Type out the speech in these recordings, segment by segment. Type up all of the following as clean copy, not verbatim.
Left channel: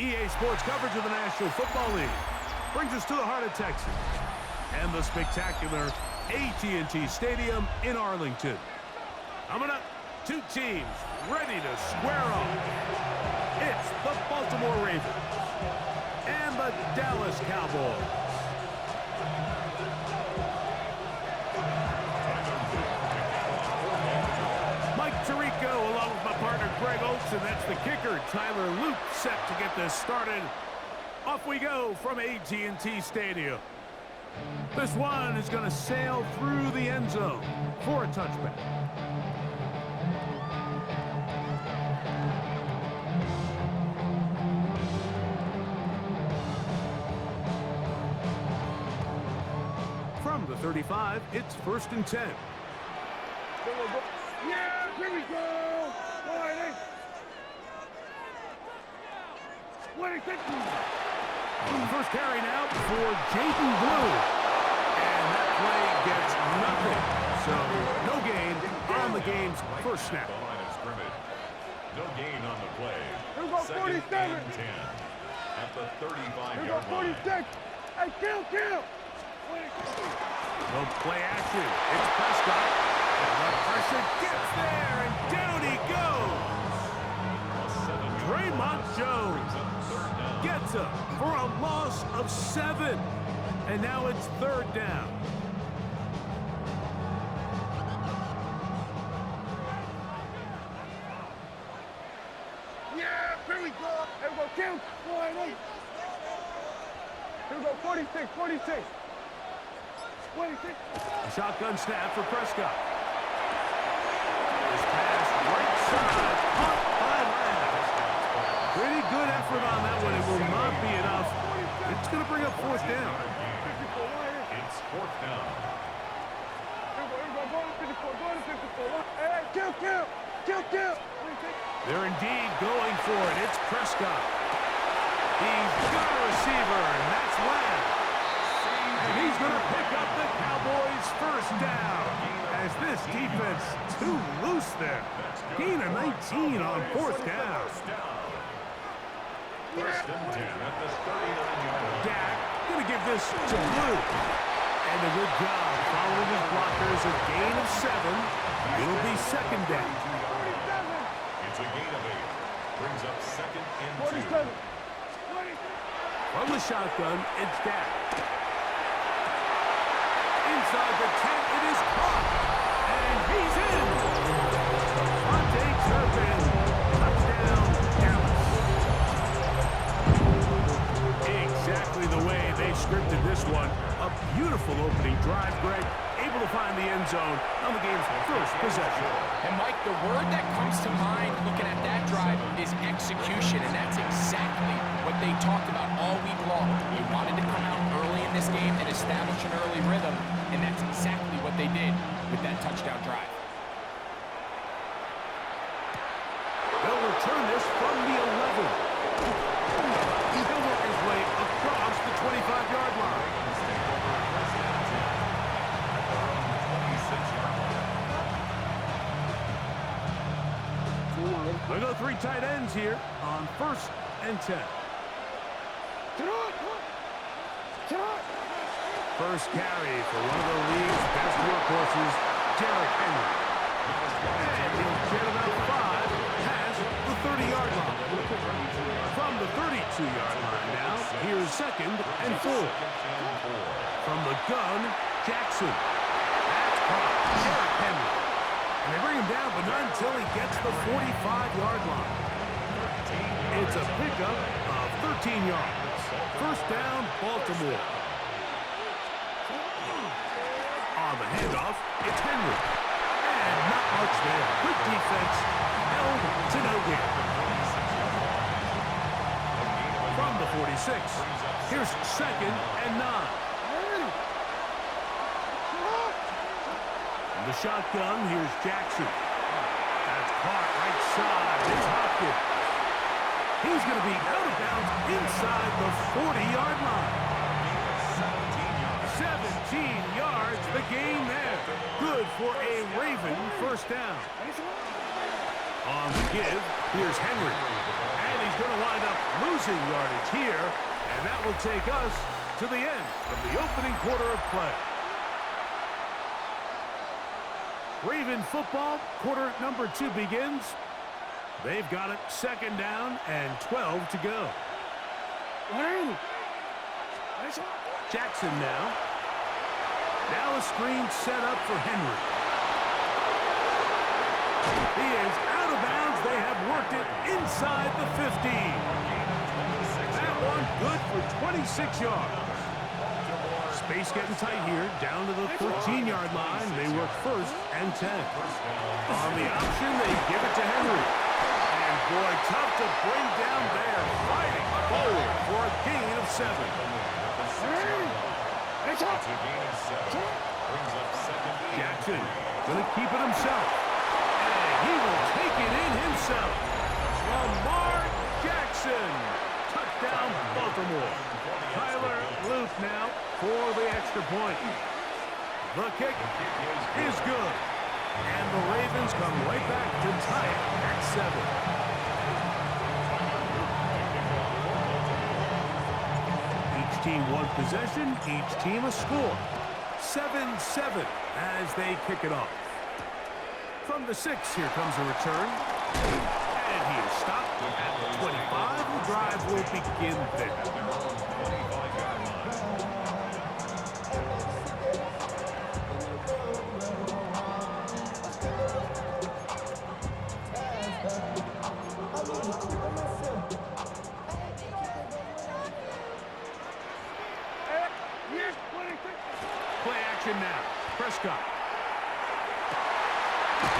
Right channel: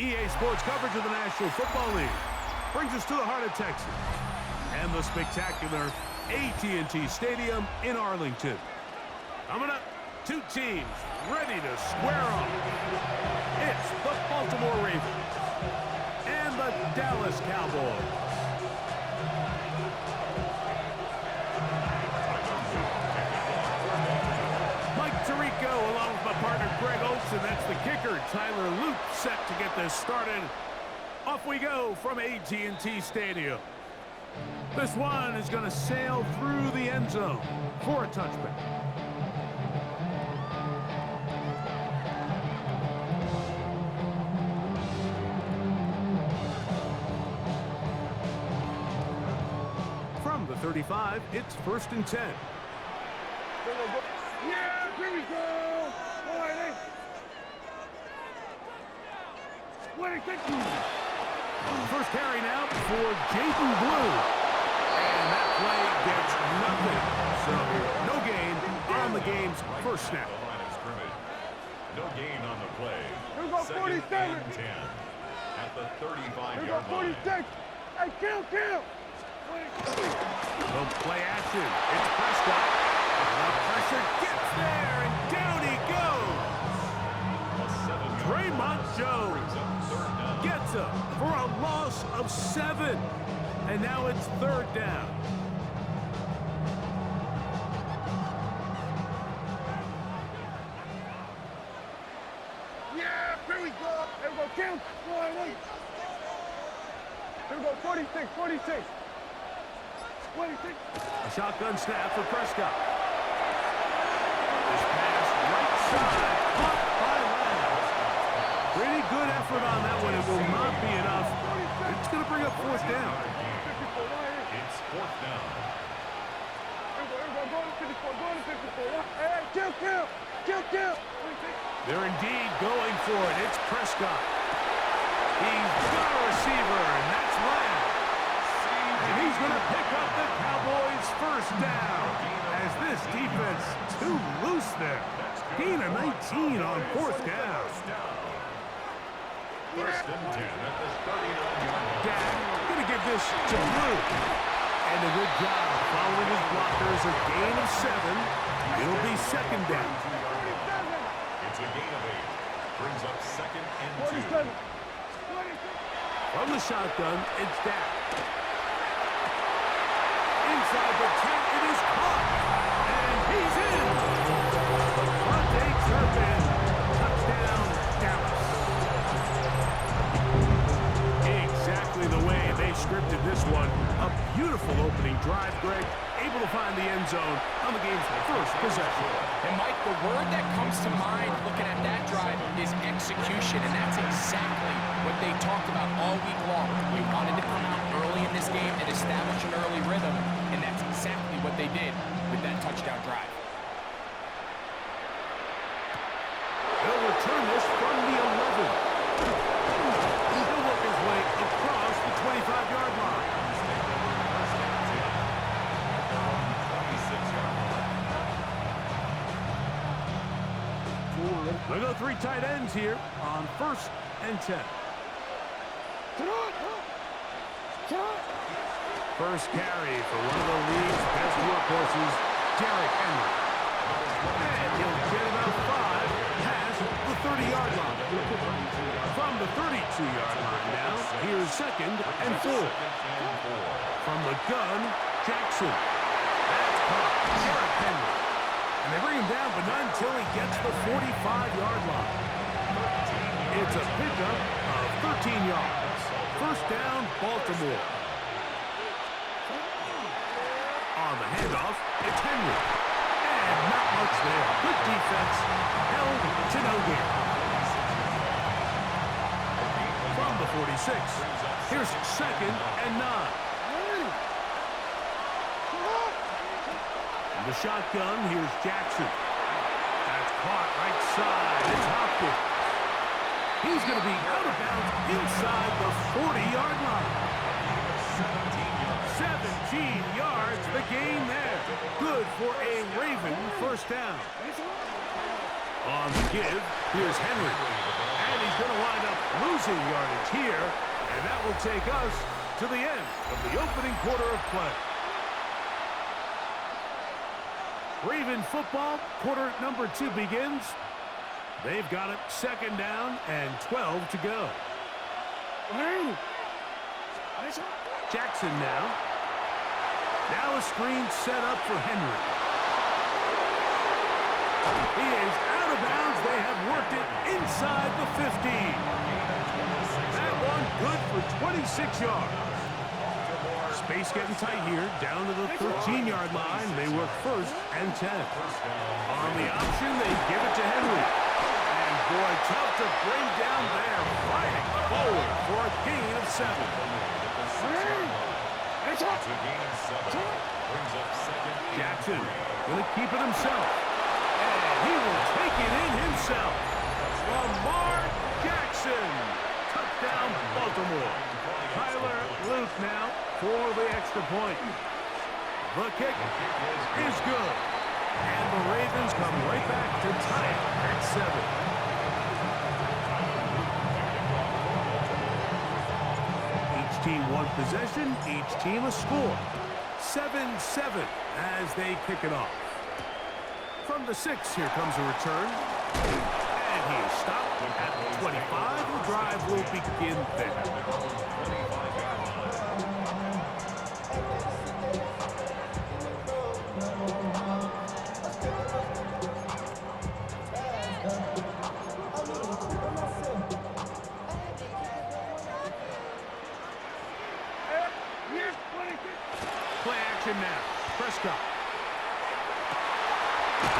EA Sports coverage of the National Football League brings us to the heart of Texas and the spectacular AT&T Stadium in Arlington. Coming up, two teams ready to square off. It's the Baltimore Ravens and the Dallas Cowboys. Mike Tirico along with my partner Greg Olson. That's the kicker, Tyler Luke, set to get this started. Off we go from AT&T Stadium. This one is going to sail through the end zone for a touchback. From the 35, it's 1st and 10. Yeah, here we go! First carry now for Jaden Blue. And that play gets nothing. So no gain on the game's first snap. The line of scrimmage. No gain on the play. Here we go, 47. 2nd and 10 at the 35-yard line. 46. Hey, kill! So play action. It's Prescott. The pressure gets there, and down he goes. Draymond Jones gets up for a loss of 7. And now it's 3rd down. Yeah, here we go. Here we go, kill. Here we go, 46. 26. A shotgun snap for Prescott. This pass right side, caught by Lamb. Pretty good effort on that one. It will not be enough. It's going to bring up 4th down. It's 4th down. Hey, kill. They're indeed going for it. It's Prescott. He's got a receiver, and that's Lamb. And he's going to pick up the Cowboys' 1st down as this defense too loose there. Gain of 19 on 4th down. 1st and 10 at the 39-yard line. Dak going to give this to Blue. And a good job following his blockers. A gain of 7. It'll be 2nd down. It's a gain of 8. Brings up 2nd and 2. From the shotgun, it's Dak. Inside the 10, it is caught. And he's in. Devontae Turpin. Touchdown, Dallas. Exactly the way they scripted this one. A beautiful opening drive, Greg. Able to find the end zone on the game's first possession. And Mike, the word that comes to mind looking at that drive is execution, and that's exactly what they talked about all week long. You wanted to come out early in this game and establish an early rhythm, and that's exactly what they did with that touchdown drive. They'll return this from the 11. He'll work his way across the 25-yard line. Take over 1st and 10 at their own 26-yard line. We go 3 tight ends here on 1st and 10. First carry for one of the league's best workhorses, Derrick Henry. And he'll get about 5 past the 30-yard line. From the 32-yard line now, here's 2nd and 4. From the gun, Jackson. That's caught. Derrick Henry. And they bring him down, but not until he gets the 45-yard line. It's a pickup of 13 yards. 1st down, Baltimore. On the handoff, it's Henry. And not much there. Good defense. Held to no gain. From the 46, here's 2nd and 9. From the shotgun, here's Jackson. That's caught right side. It's Hopkins. He's going to be out of bounds inside the 40-yard line. 17 yards, the gain there. Good for a Raven 1st down. On the give, here's Henry. And he's going to wind up losing losing yardage here, and that will take us to the end of the opening quarter of play. Raven football, quarter number 2 begins. They've got it 2nd down and 12 to go. Jackson now. Now a screen set up for Henry. He is out of bounds. They have worked it inside the 15. That one good for 26 yards. Space getting tight here. Down to the 13-yard line. They work 1st and 10. On the option, they give it to Henry. And boy, tough to bring down there. Fighting forward for a gain of 7. It's a gain of 7. Brings up 2nd. Jackson going to keep it himself. And he will take it in himself. Lamar Jackson. Touchdown, Baltimore. Tyler Luke now for the extra point. The kick is good. And the Ravens come right back to tie it at 7. Each team one possession, each team a score. 7-7 as they kick it off. From the 6, here comes a return. And he is stopped at the 25. The drive will begin there. At their own 25-yard line. Play action now. Prescott.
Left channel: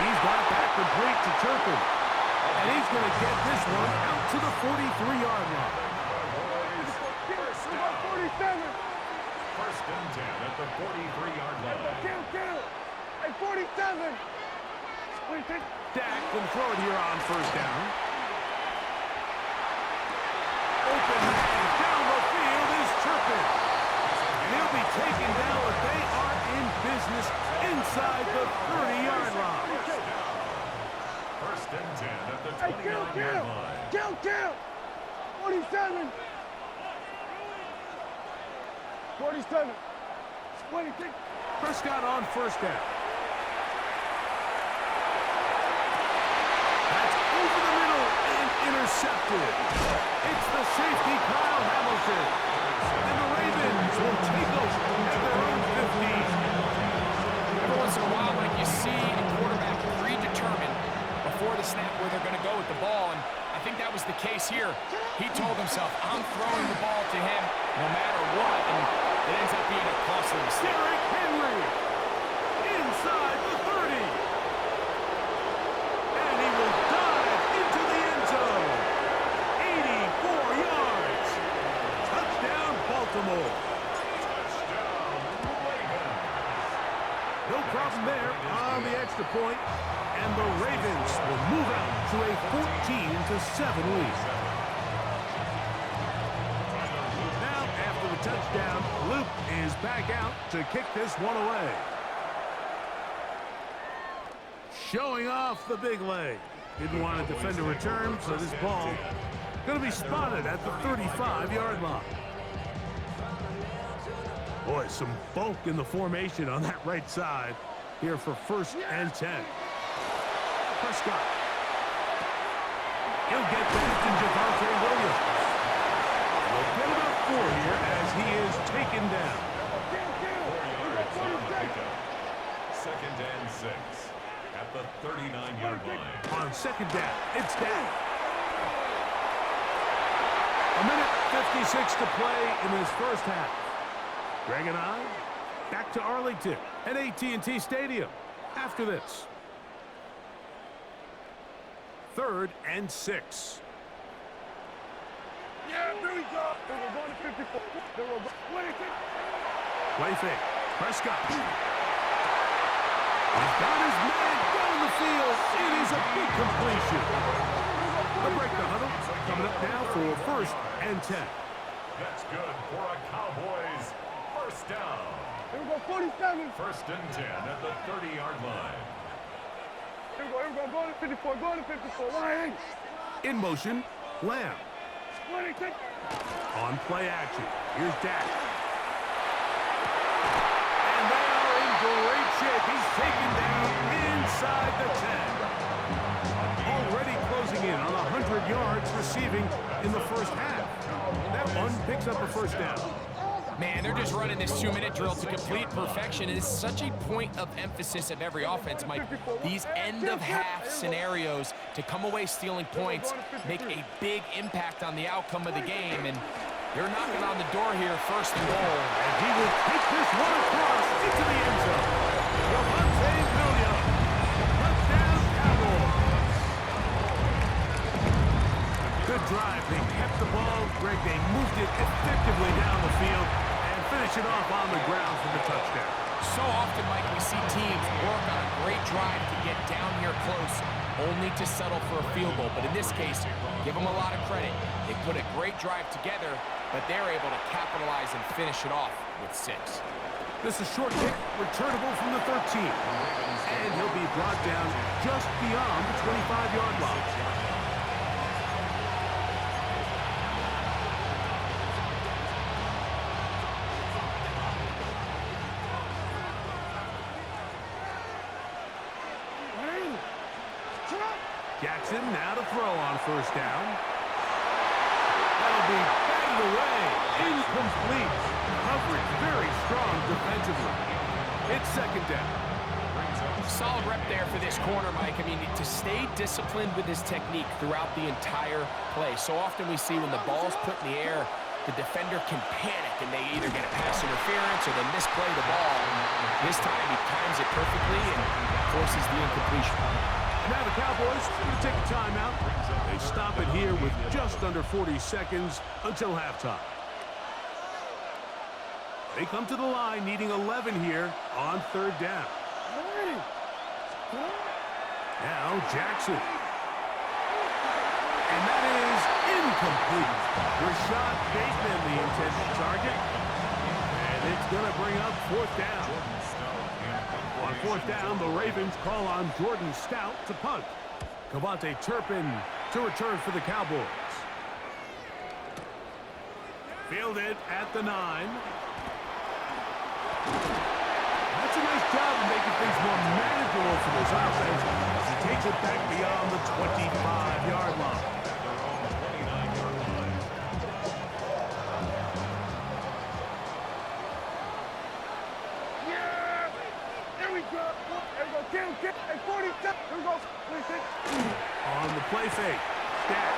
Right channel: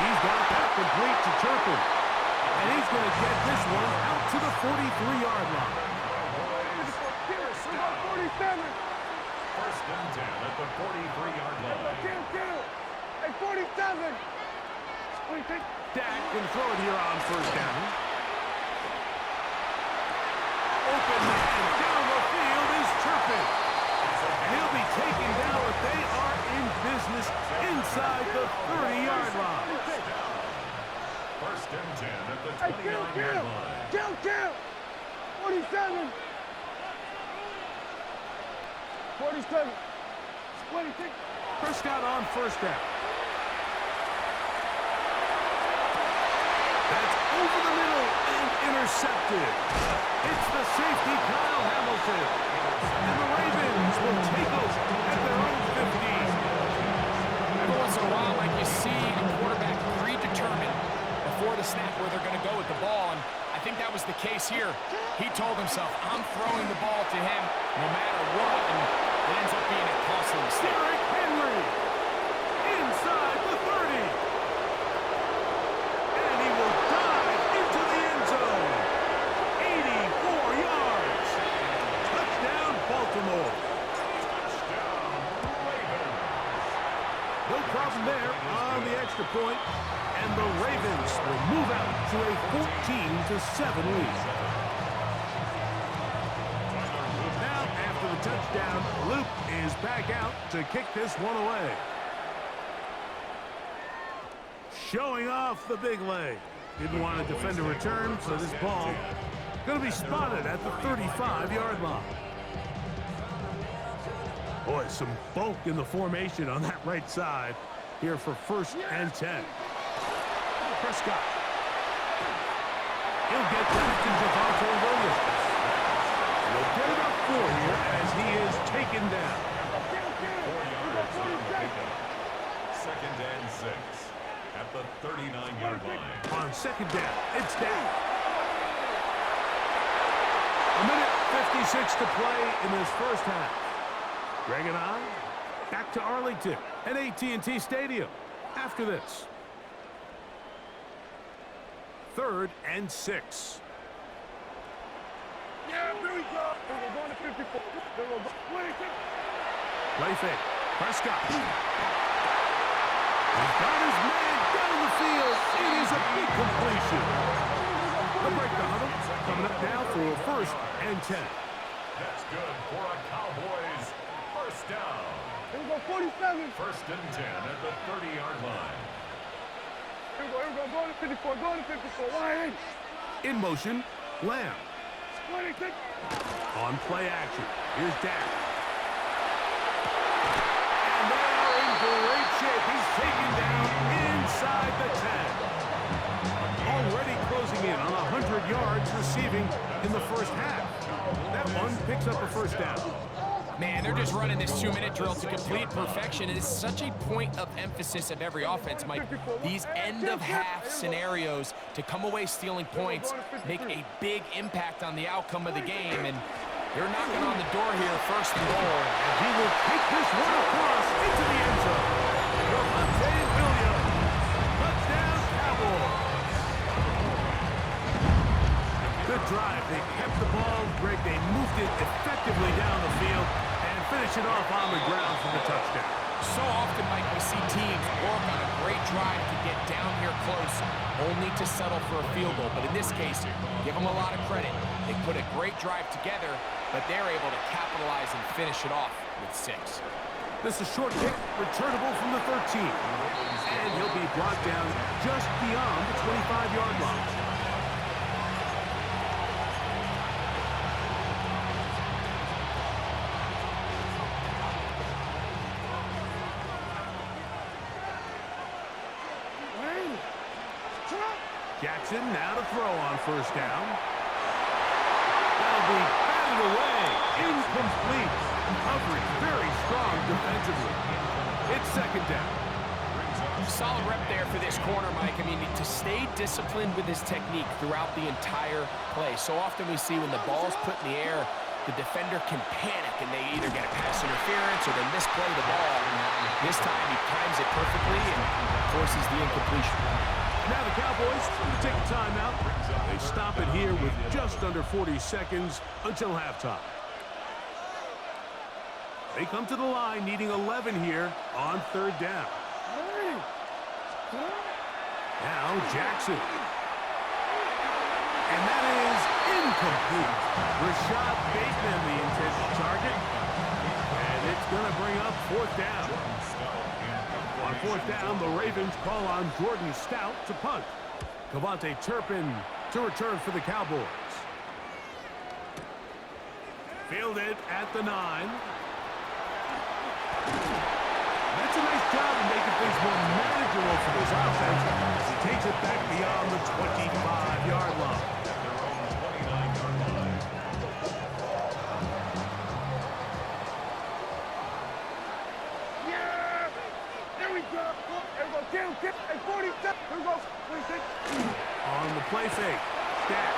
He's got that complete to Turpin. And he's going to get this one out to the 43-yard line. 47. 1st and 10 at the 43-yard line. Hey, 47. Dak can throw it here on 1st down. Open man down the field is Turpin. And he'll be taken down, but they are in business inside the 30-yard line. 1st and 10 at the 29-yard line. Count. 47. 47. 26. Prescott on 1st down. That's over the middle and intercepted. It's the safety, Kyle Hamilton. And the Ravens will take over at their own 15. Every once in a while, like you see a quarterback predetermined before the snap where they're going to go with the ball, and I think that was the case here. He told himself, I'm throwing the ball to him no matter what, and it ends up being a costly mistake. Derrick Henry inside the 30. And he will dive into the end zone. 84 yards. Touchdown, Baltimore. Touchdown, Ravens. No problem there on the extra point. And the Ravens will move out to a 14-7 lead. Now, after the touchdown, Luke is back out to kick this one away. Showing off the big leg. Didn't want to defend a return, so this ball going to be spotted at the 35-yard line. Boy, some bulk in the formation on that right side here for 1st and 10. Prescott. He'll get that to Javonte Williams. He'll get about 4 here as he is taken down. 4 yards on the pickup. 2nd and 6 at the 39-yard line. On 2nd down, it's Dak. A minute 56 to play in this 1st half. Greg and I back to Arlington at AT&T Stadium after this. 3rd and 6. Yeah, here we go. We're going to 54. Play fake. Prescott. He's got his man down the field. It is a big completion. The break the huddle. Coming up now for 1st and 10. That's good for a Cowboys 1st down. Here we go, 47. 1st and 10 at the 30-yard line. Here we go, going to 54, going to 54. Why? In motion, Lamb. 20, take. On play action, here's Dak. And they are in great shape. He's taken down inside the 10. Already closing in on 100 yards receiving in the first half. That one picks up a first down. Man, they're just running this 2-minute drill to complete perfection. It is such a point of emphasis of every offense, Mike. These end-of-half scenarios to come away stealing points make a big impact on the outcome of the game, and they're knocking on the door here, first and goal. And he will take this one across into the end zone. Javonte Williams, touchdown Cowboys. Good drive. They kept the ball. Greg, they moved it effectively down the field and finish it off on the ground for the touchdown. So often, Mike, we see teams work on a great drive to get down here close, only to settle for a field goal. But in this case, give them a lot of credit. They put a great drive together, but they're able to capitalize and finish it off with 6. This is a short kick, returnable from the 13. And he'll be brought down just beyond the 25-yard line. Jackson now to throw on first down. That'll be batted away. Incomplete. Coverage very strong defensively. It's second down. Solid rep there for this corner, Mike. I mean, to stay disciplined with his technique throughout the entire play. So often we see when the ball's put in the air, the defender can panic and they either get a pass interference or they misplay the ball. This time he times it perfectly and forces the incompletion. And now the Cowboys are going to take a timeout. They stop it here with just under 40 seconds until halftime. They come to the line needing 11 here on third down. Now Jackson. And that is incomplete. Rashad Bateman, the intended target. And it's going to bring up fourth down. On fourth down, the Ravens call on Jordan Stout to punt. Cavante Turpin to return for the Cowboys. Fielded at the 9. That's a nice job of making things more manageable for this offense as he takes it back beyond the 25-yard line. Their own 29-yard line. Yeah! There we go. There we go. Get him. Hey, 47. Here we go. 26. On the play fake, Dak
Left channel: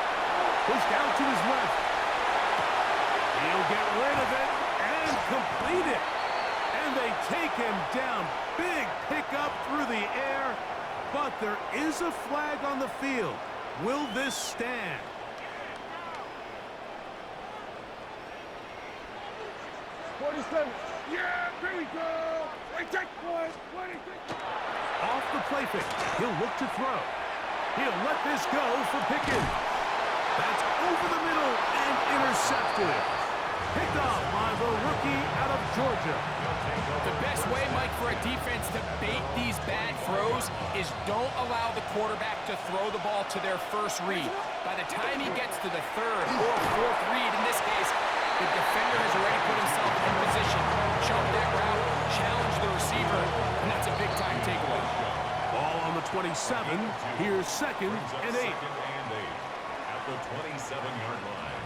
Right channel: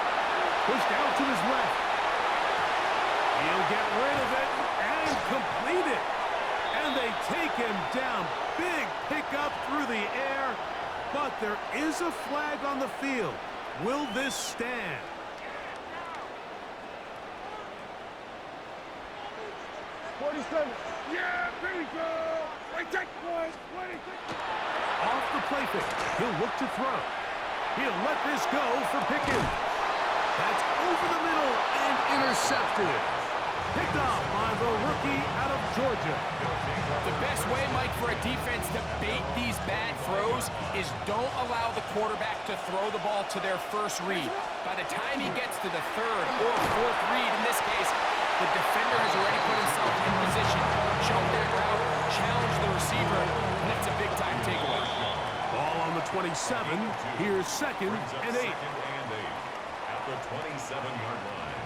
pushed out to his left. He'll get rid of it and complete it. And they take him down. Big pickup through the air. But there is a flag on the field. Will this stand? Yeah, here we go. Wait, take one. 26. Off the play fake. He'll look to throw. He'll let this go for Pickens. That's over the middle and intercepted. Picked off by the rookie out of Georgia. The best way, Mike, for a defense to bait these bad throws is don't allow the quarterback to throw the ball to their first read. By the time he gets to the third or fourth read, in this case, the defender has already put himself in position, jumped that route, challenged the receiver, and that's a big-time takeaway. Ball on the 27. Here's second and 8. Second and 8 at the 27-yard line.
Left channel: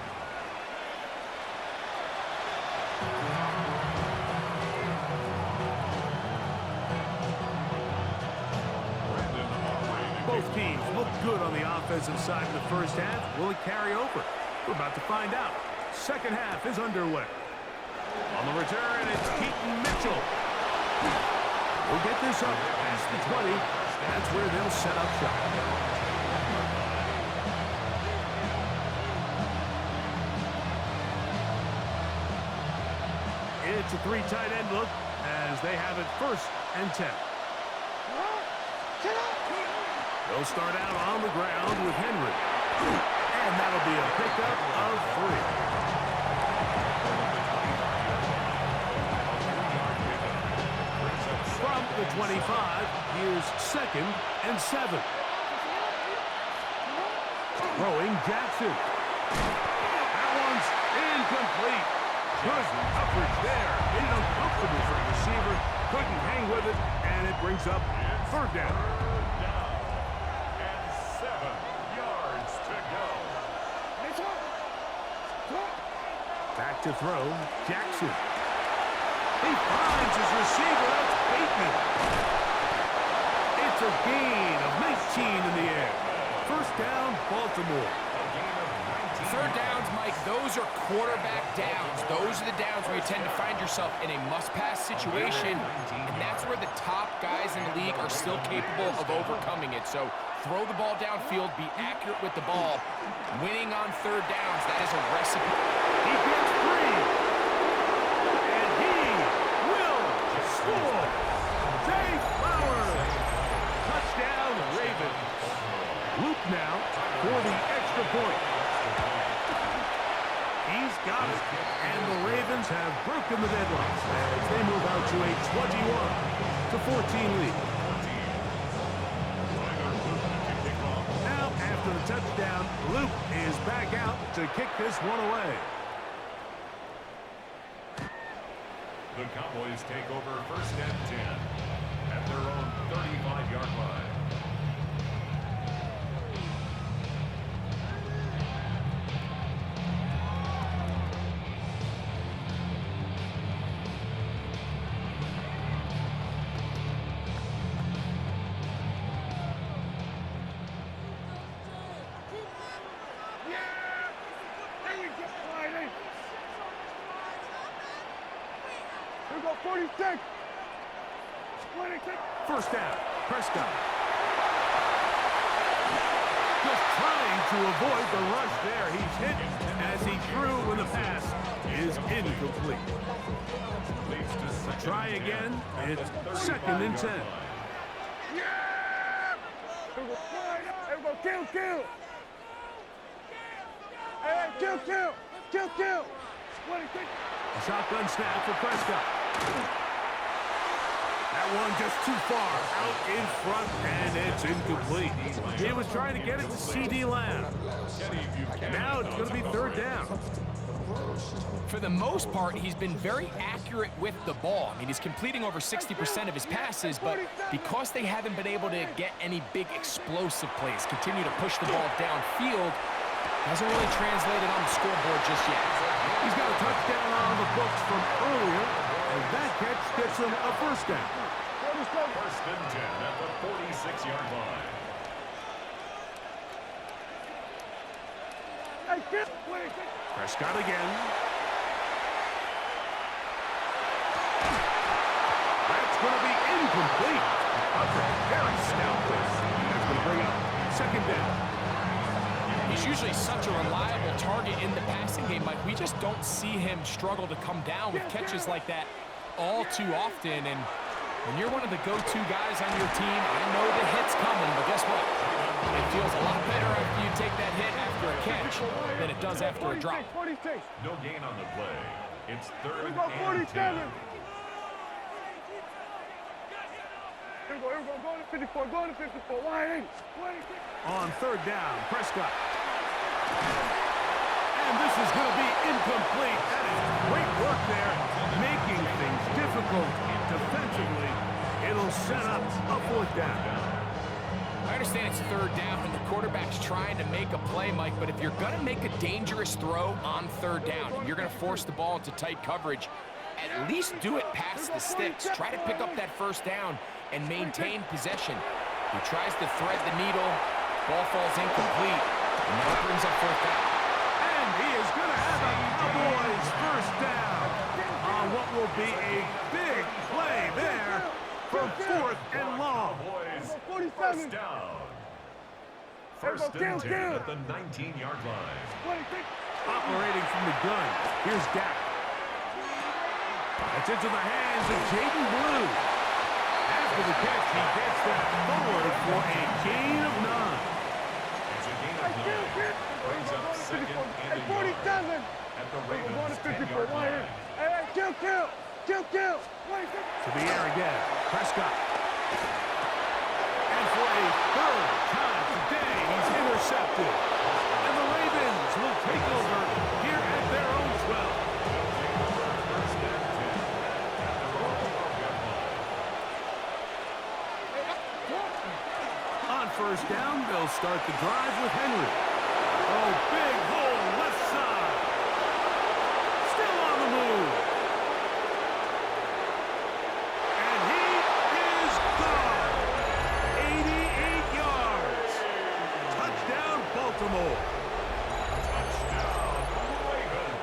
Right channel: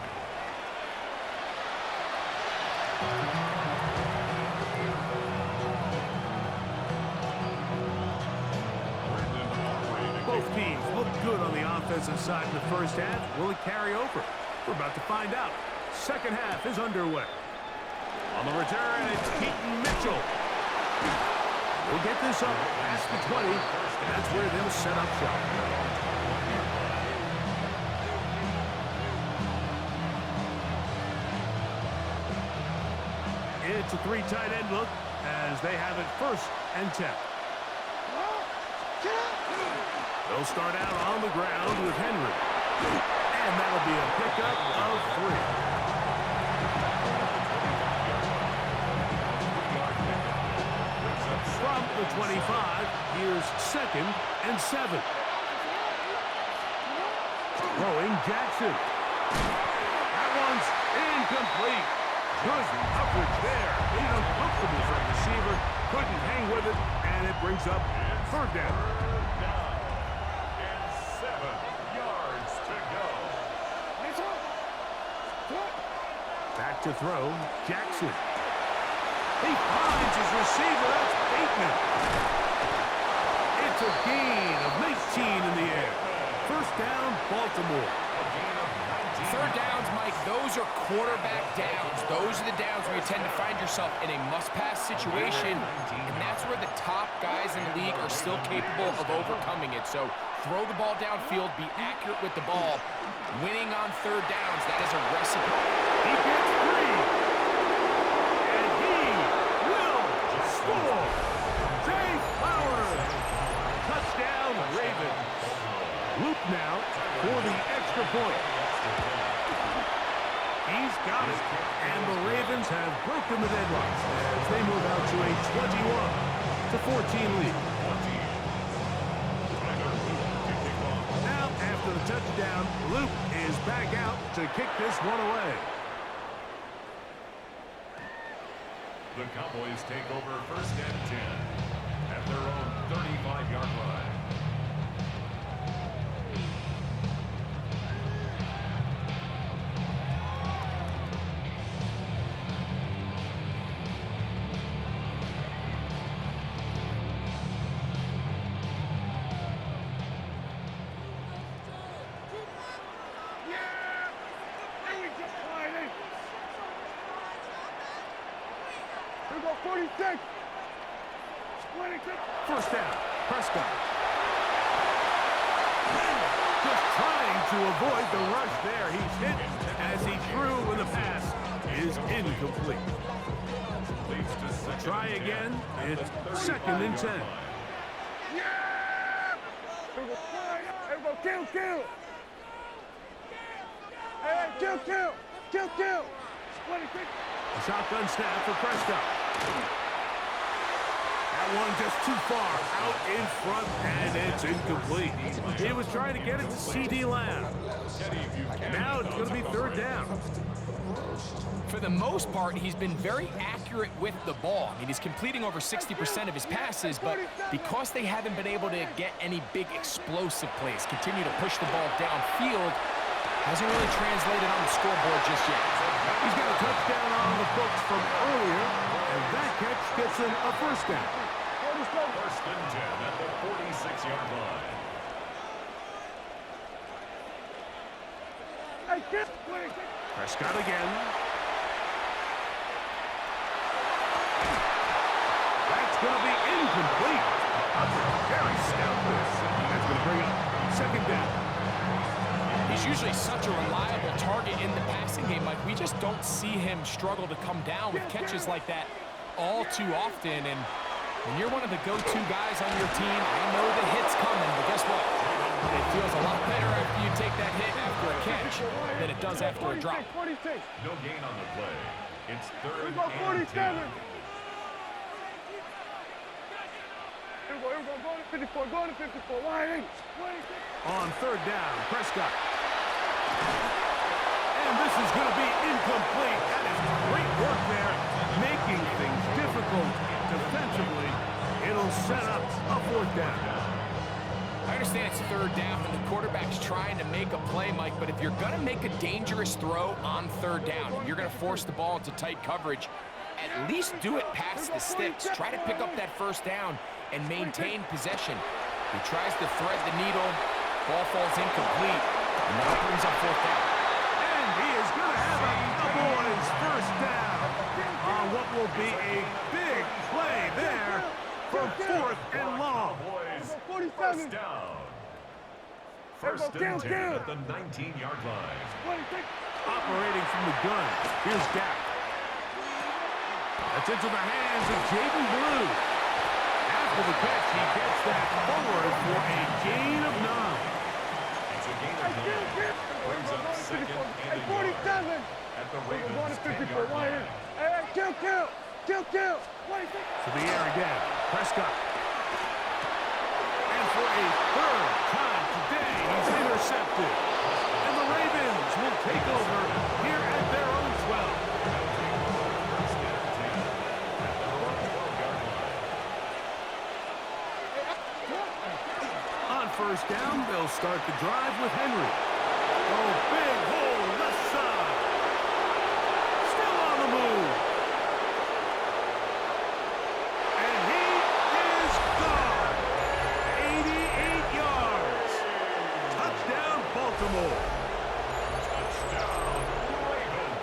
Both teams look good on the offensive side in the first half. Will it carry over? We're about to find out. Second half is underway. On the return, it's Keaton Mitchell. We'll get this up past the 20. That's where they'll set up shop. It's a 3 tight end look as they have it first and 10. They'll start out on the ground with Henry. And that'll be a pickup of 3. From the 25, here's second and 7. Throwing Jackson. incomplete. Good coverage there. Made it uncomfortable for the receiver. Couldn't hang with it, and it brings up third down. Third down. And 7 yards to go. Back to throw, Jackson. He finds his receiver. That's Bateman. It's a gain of 19 in the air. First down, Baltimore. A gain of 19. Third downs, Mike, those are quarterback downs. Those are the downs where you tend to find yourself in a must-pass situation, and that's where the top guys in the league are still capable of overcoming it. So throw the ball downfield, be accurate with the ball. Winning on third downs, that is a recipe. He gets free. And he will score. Zay Flowers. Touchdown, Ravens. Loop now for the extra point. He's got it. And the Ravens have broken the deadlock as they move out to a 21-14 lead. Now, after the touchdown, Luke is back out to kick this one away. The Cowboys take over first and 10 at their own 35-yard line. Here we go, 46. 26. First down, Prescott. Just trying to avoid the rush there. He's hit as he threw when the pass is incomplete. Try again. It's second and 10. Yeah! Here we go, here we go, kill. Hey, kill. 26. A shotgun snap for Prescott. That one just too far out in front, and it's incomplete. He was trying to get it to C.D. Lamb. Now it's going to be third down. For the most part, he's been very accurate with the ball. I mean, he's completing over 60% of his passes, but because they haven't been able to get any big explosive plays, continue to push the ball downfield, hasn't really translated on the scoreboard just yet. He's got a touchdown on the books from earlier, and that catch gets him a first down. First and 10 at the 46-yard line. Prescott again. That's going to be incomplete. Coverage very stout there. That's going to bring up second down. He's usually such a reliable target in the passing game, Mike. We just don't see him struggle to come down with catches like that all too often. And when you're one of the go-to guys on your team, I know the hit's coming, but guess what? It feels a lot better after you take that hit after a catch than it does after a drop. 46. No gain on the play. It's third Here we go, and 10. 47. Here we go, going to 54, wide 26. On third down, Prescott. And this is going to be incomplete. That is great work there, making things difficult defensively. It'll set up a fourth down. I understand it's third down and the quarterback's trying to make a play, Mike, but if you're going to make a dangerous throw on third down and you're going to force the ball into tight coverage, at least do it past the sticks. Try to pick up that first down and maintain possession. He tries to thread the needle. Ball falls incomplete, and now brings up fourth down. And he is going to have a Cowboys first down on what will be a big play there from fourth and long. Cowboys first down. First and 10 at the 19-yard line. Operating from the gun, here's Dak. That's into the hands of Jaden Blue. After the catch, he gets that forward for a gain of 9. It's a gain of 9. Brings up second and a yard 47. at the Ravens' 10-yard line. Hey, kill. To the air again, Prescott. And for a third time today, he's intercepted. And the Ravens will take over here at their own They'll take over first and 10 at their own 12-yard line. On first down, they'll start the drive with Henry. Oh, big hole left side. Still on the move. And he is gone. 88 yards. Touchdown, Baltimore. Touchdown, Ravens.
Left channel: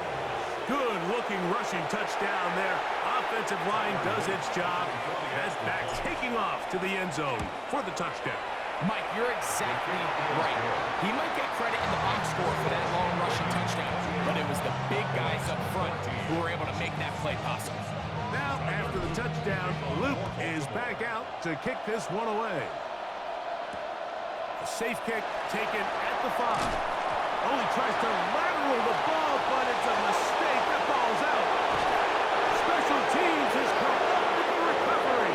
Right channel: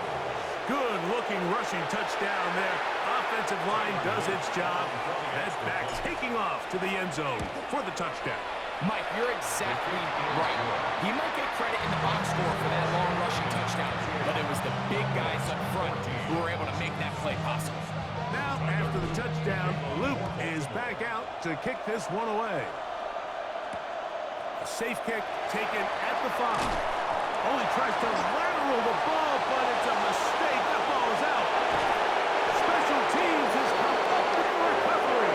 Good-looking rushing touchdown there. Offensive line does its job. That's back taking off to the end zone for the touchdown. Mike, you're exactly right. He might get credit in the box score for that long rushing touchdown, but it was the big guys up front who were able to make that play possible. Now, after the touchdown, Luke is back out to kick this one away. A safe kick taken at the 5. Oh, he tries to lateral the ball, but it's a mistake. That ball is out. Special teams has come up with the recovery.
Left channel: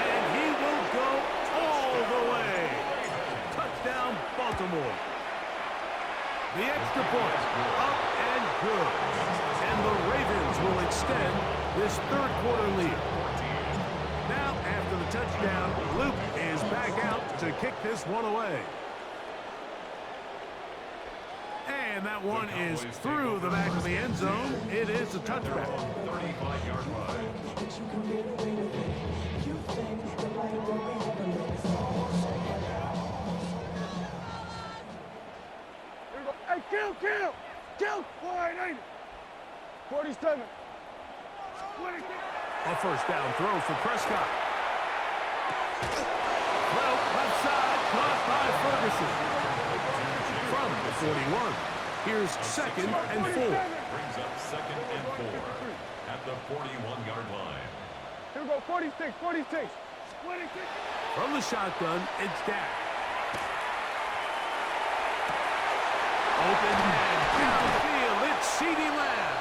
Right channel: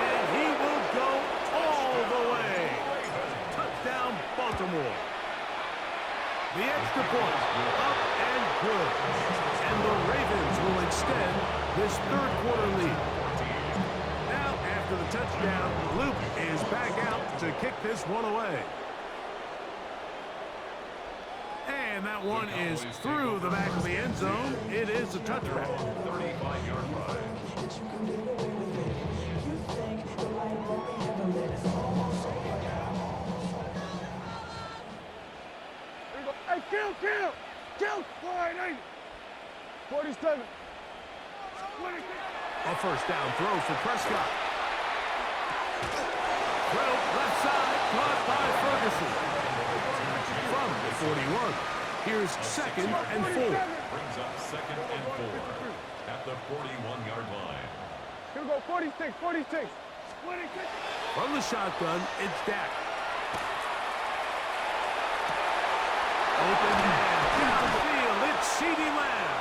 And he will go all the way. Touchdown, Baltimore. The extra point, up and good. And the Ravens will extend this third quarter lead. Now, after the touchdown, Luke is back out to kick this one away. And that one is through the back of the end zone. It is a touchback. 35-yard line. Hey, kill! 180. 47. A first down throw for Prescott. Throw left side, caught by Ferguson. From the 41. Here's second and 4. Brings up second and 4 at the 41-yard line. Here we go, 46. 46. From the shotgun, it's Dak. Open man, downfield, it's CeeDee Lamb.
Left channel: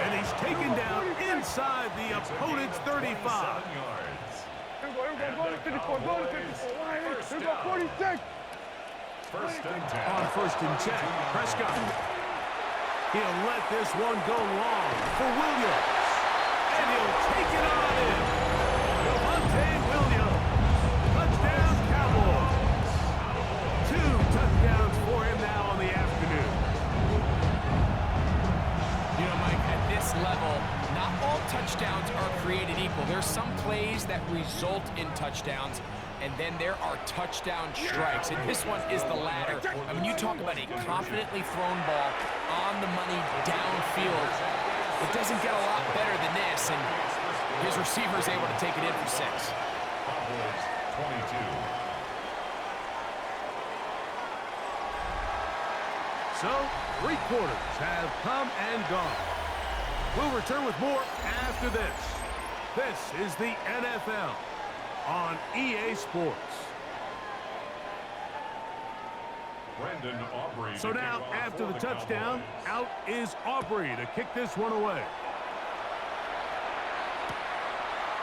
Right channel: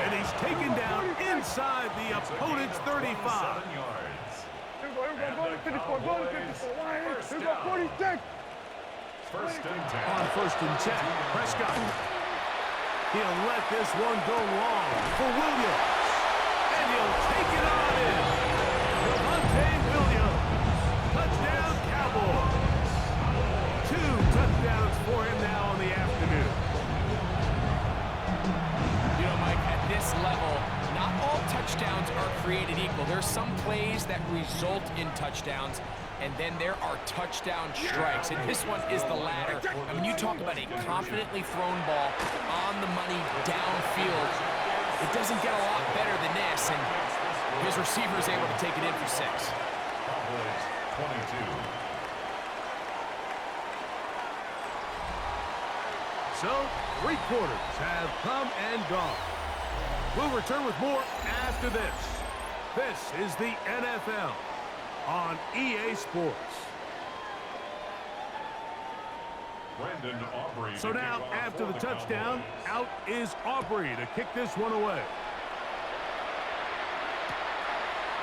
And he's taken down inside the opponent's 35. Yards. Here we go, go to 54, go to 54. Here we go, 46. First and 10. On first and 10, Prescott. He'll let this one go long for Williams. And he'll take it on in. Javonte Williams. Touchdown, Cowboys. 2 touchdowns for him now on the afternoon. You know, Mike, at this level, not all touchdowns are created equal. There's some plays that result in touchdowns, and then there are touchdown strikes, and this one is the latter. I mean, you talk about a confidently thrown ball on the money downfield. It doesn't get a lot better than this, and his receiver is able to take it in for 6. Cowboys 22. So, 3 quarters have come and gone. We'll return with more after this. This is the NFL on EA Sports. Brandon Aubrey. So now, after the touchdown, out is Aubrey to kick this one away.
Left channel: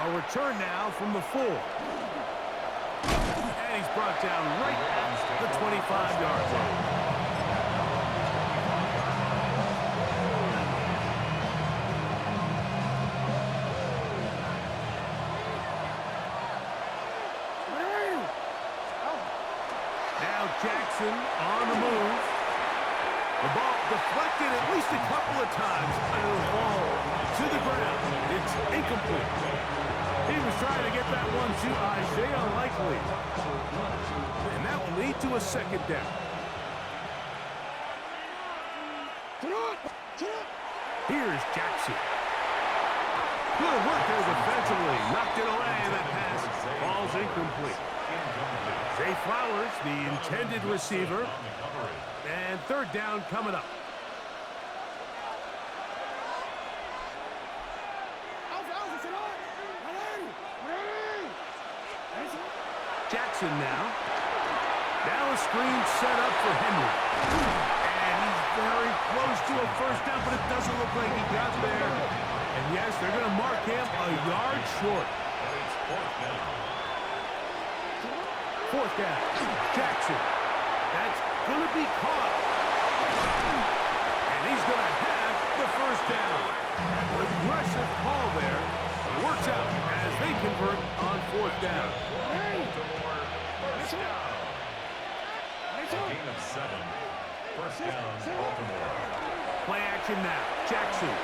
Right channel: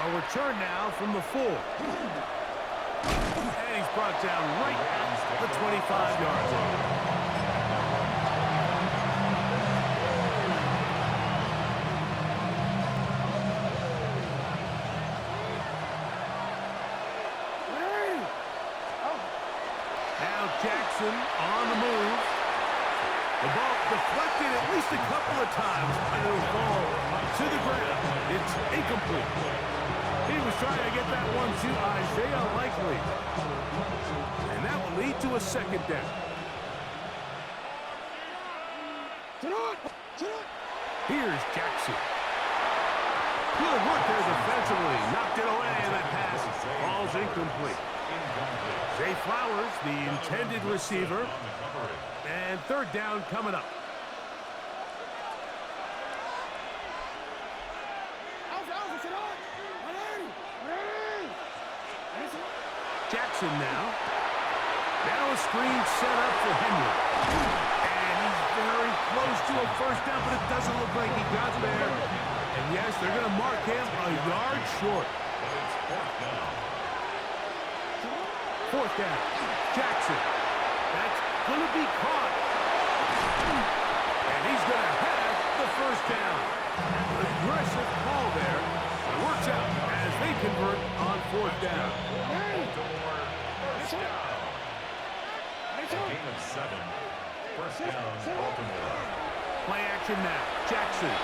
A return now from the 4. And he's brought down right at the 25-yard line. Now Jackson on the move. The ball deflected at least a couple of times, and it'll fall to the ground. It's incomplete. He was trying to get that one to Isaiah Likely. And that will lead to a second down. Here's Jackson. Good work there defensively. Knocked it away, and that pass falls incomplete. Zay Flowers, the intended receiver. And third down coming up. Jackson now. Now a screen set up for Henry. And he's very close to a first down, but it doesn't look like he got there. And yes, they're going to mark him a yard short. But it's fourth down. Fourth down. Jackson. That's going to be caught. And he going to have the first down. Aggressive call there. It works out as they convert on fourth down. Baltimore, first down. A gain of 7. First down, Baltimore. Play action now. Jackson.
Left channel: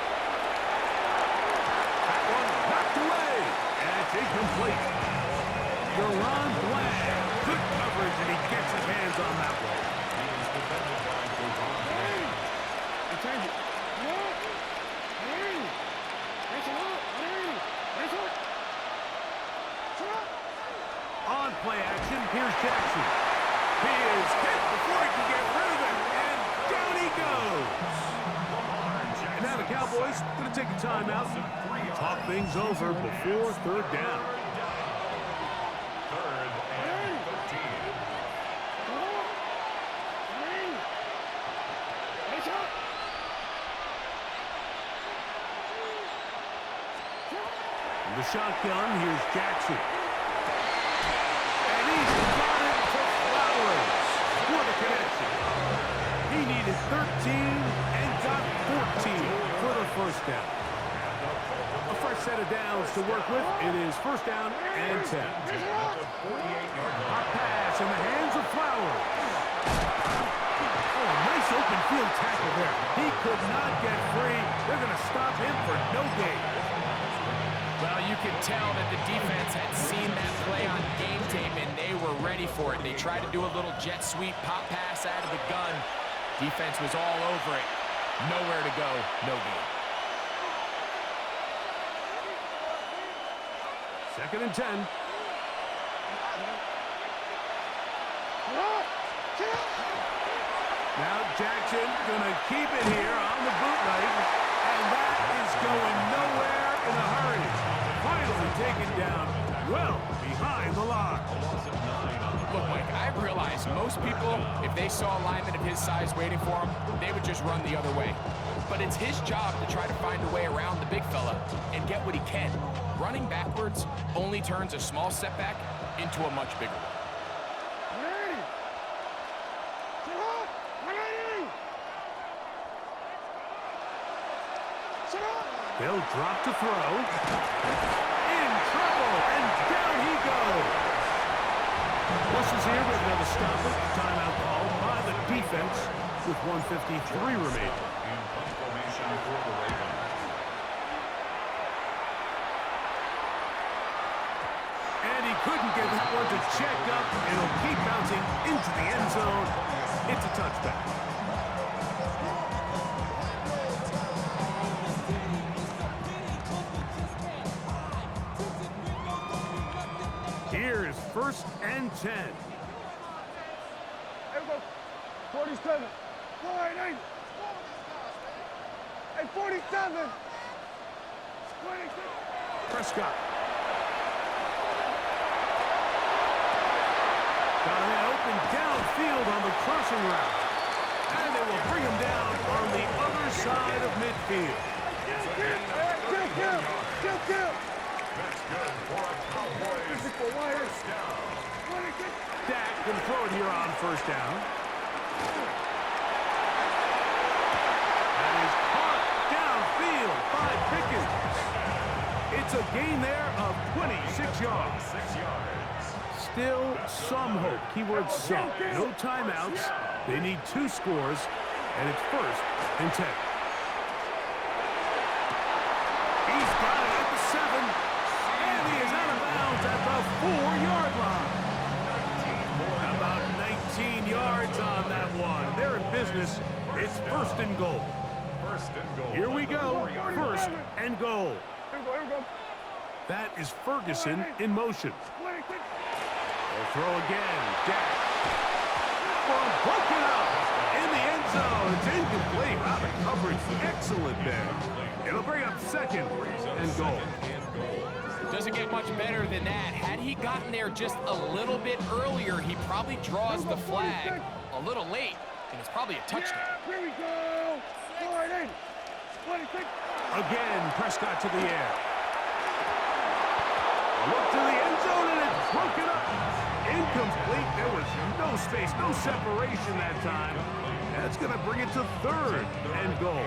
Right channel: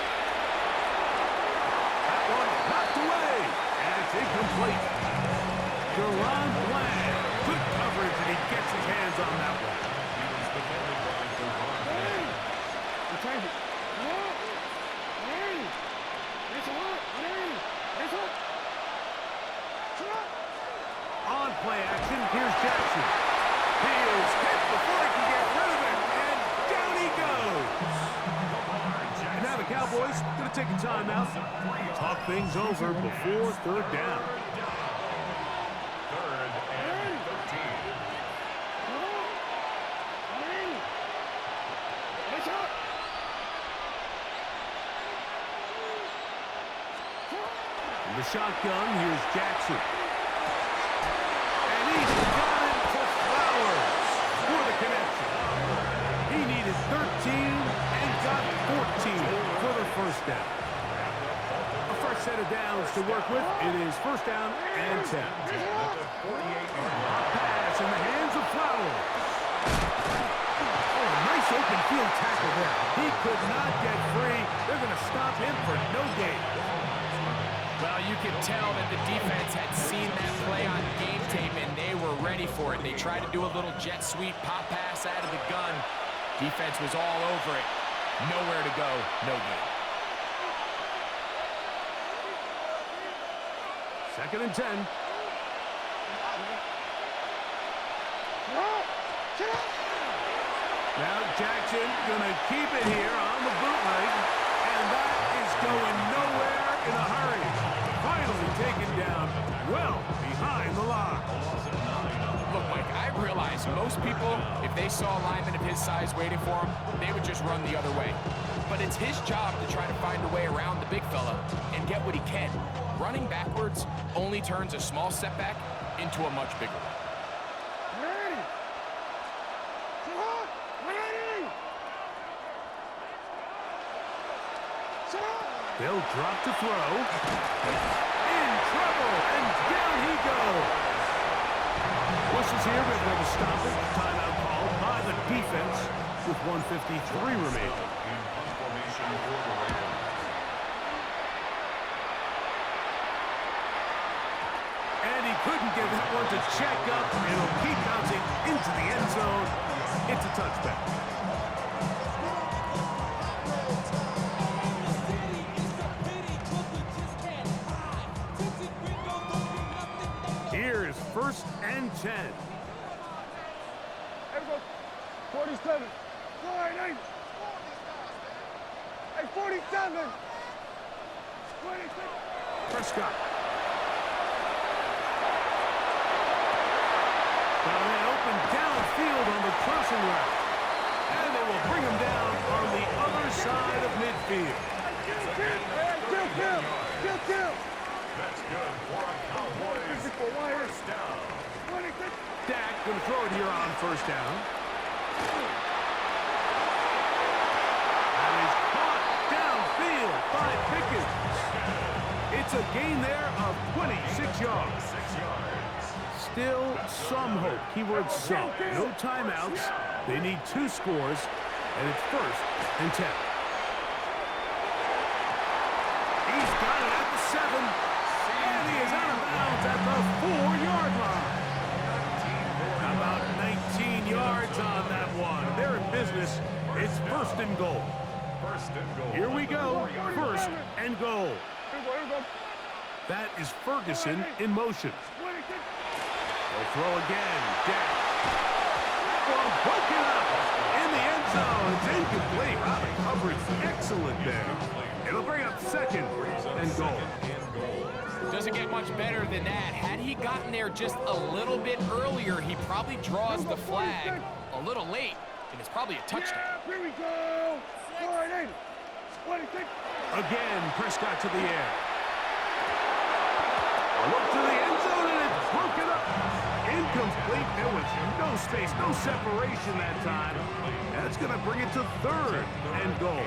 That one knocked away. And it's incomplete. Deron Bland. Good coverage, and he gets his hands on that one. He was defended by Deron Bland. Change it. On play action, here's Jackson. He is hit before he can get rid of it, and down he goes. And now the Cowboys going to take a timeout, talk things over before third down. Third and 13. From the shotgun, here's Jackson. And he's got it to Flowers for the connection. He needed 13 and got 14 for the first down. A fresh set of downs to work with. It is first down and 10. Hot pass in the hands of Flowers. Oh, nice open field tackle there. He could not get free. They're going to stop him for no gain. Well, you could tell that the defense had seen that play on game tape, and they were ready for it. They tried to do a little jet sweep, pop pass out of the gun. Defense was all over it. Nowhere to go, no gain. Second and 10. Now Jackson gonna keep it here on the bootleg, and that is going nowhere in a hurry. Finally taken down well behind the line. Look, Mike, I realize most people, if they saw a lineman of his size waiting for him, they would just run the other way. But it's his job to try to find a way around the big fella and get what he can. Running backwards only turns a small setback into a much bigger one. They'll drop to throw. In trouble, and down he goes. Whistles here, we have another stoppage. Timeout called by the defense with 1:53 remaining. In punt formation for the Ravens. And he couldn't get that one to check up, and it'll keep bouncing into the end zone. It's a touchback. Here's first and 10. Here we go. 47. 48. Hey, 47. 26. Prescott. Got a man open downfield on the crossing route. And they will bring him down on the other side of midfield. Kill. That's good for a Cowboys first down. Dak going to throw it here on first down. That is caught downfield by Pickens. It's a gain there of 26 yards. 6 yards. Still some hope. Keyword some. No timeouts. They need 2 scores, and it's first and 10. He's got it at the 7. And he is out of bounds at the 4-yard line. About 19 yards on that one. They're in business. It's first and goal. First and goal. Here we go. First and goal. Here we go. That is Ferguson in motion. They'll throw again. Dak. That one broken up in the end zone. It's incomplete. Wow, the coverage excellent there. It'll bring up second and goal. Doesn't get much better than that. Had he gotten there just a little bit earlier, he probably draws the flag a little late, and it's probably a touchdown. Here we go. 48. 26. Again, Prescott to the air. A look to the end zone, and it's broken up. Incomplete. There was no space, no separation that time. That's going to bring it to third and goal.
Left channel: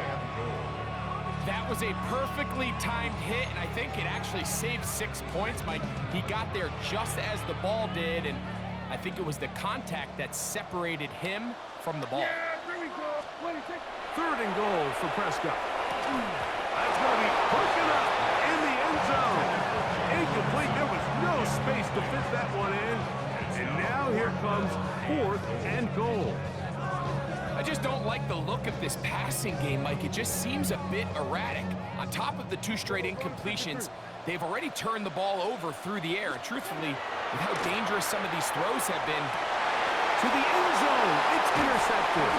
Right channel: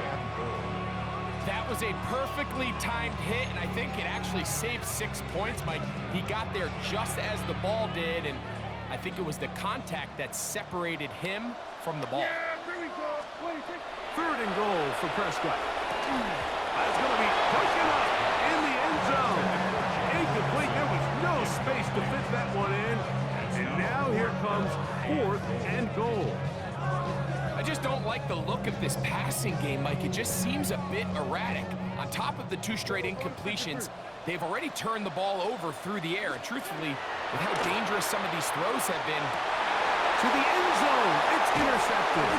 That was a perfectly timed hit, and I think it actually saved 6 points, Mike. He got there just as the ball did, and I think it was the contact that separated him from the ball. Yeah, there we go. Wait, take. Third and goal for Prescott. That's going to be pushing up in the end zone. Incomplete. There was no space to fit that one in. And now here comes fourth and goal. I just don't like the look of this passing game, Mike. It just seems a bit erratic. On top of the 2 straight incompletions, they've already turned the ball over through the air. And truthfully, with how dangerous some of these throws have been, to the end zone. It's intercepted.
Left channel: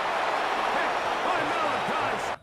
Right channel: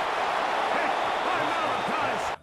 Picked by Malachi.